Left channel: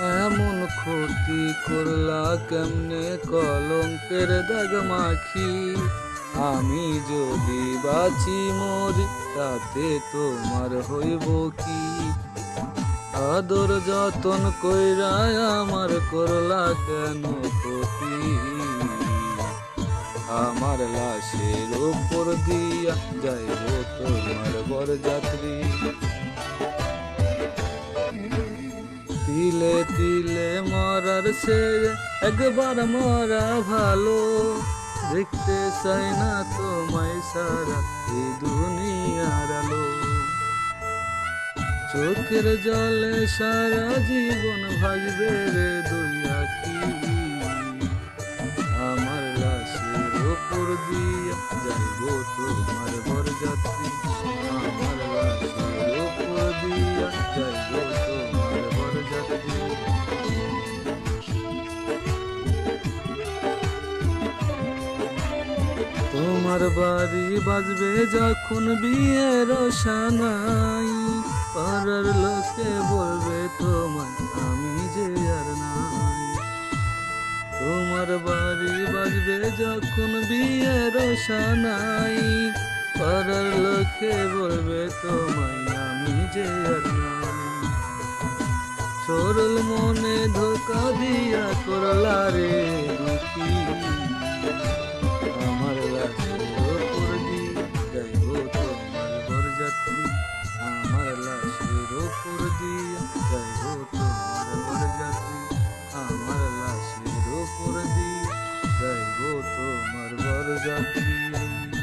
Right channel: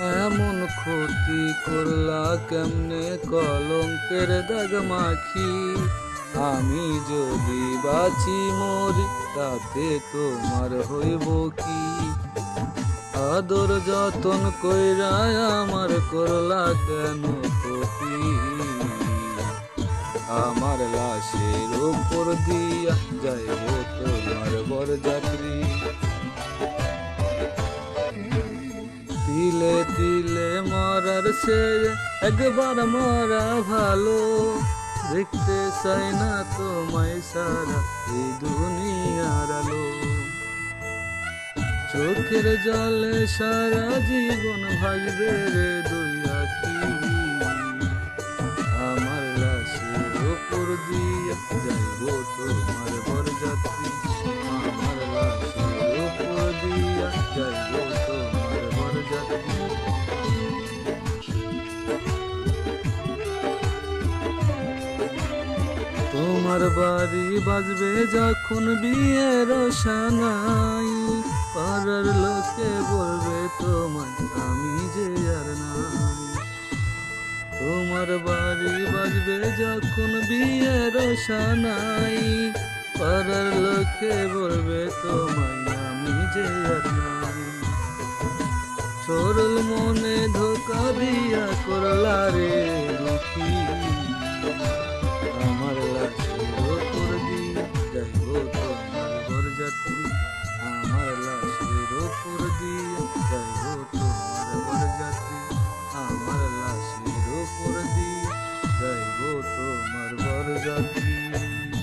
এমন ক্ষতি করলা কেমনে কলঙ্কের দাগ মাখি। আমি যদি বাঁচি মরি তাতে তোমার হইব কি। আদর যতন কইরা আমার করলা কেন ক্ষতি। আমার লাশের উপর দিয়া যাইব তোমার বরযাত্রী। তিলে তিলে মরার সে একবার মরা ভালো। দেখতে চাই না তোমায় সারা এই দুনিয়ার আলো। চোখের জলে সারা জীবন ভাসবে রে দুই আখি। আমার লাশের ওপর দিয়া যাইব তোমার বরযাত্রী। আমার লাশের ওপর দিয়া যাইব তোমার বরযাত্রী। তোমার বাড়ি বাজবে যখন বিয়ের সানাই। পাড়ার লোকে বলবে তোমায় আমি যে আর নাই। তোমার বাড়ি বাজবে যখন বিয়ের সানাই। পাড়ার লোকে বলবে তোমায় আমি যে আর নাই। সরল মনে ধোকা দিয়া করলা রে দুঃখী। আমার লাশের ওপর দিয়ে যাইব তোমার বরযাত্রী। আমার লাশের ওপর দিয়ে যাইব তোমার বরযাত্রী। আমার লাশের ওপর দিয়ে যাইব তোমার বরযাত্রী।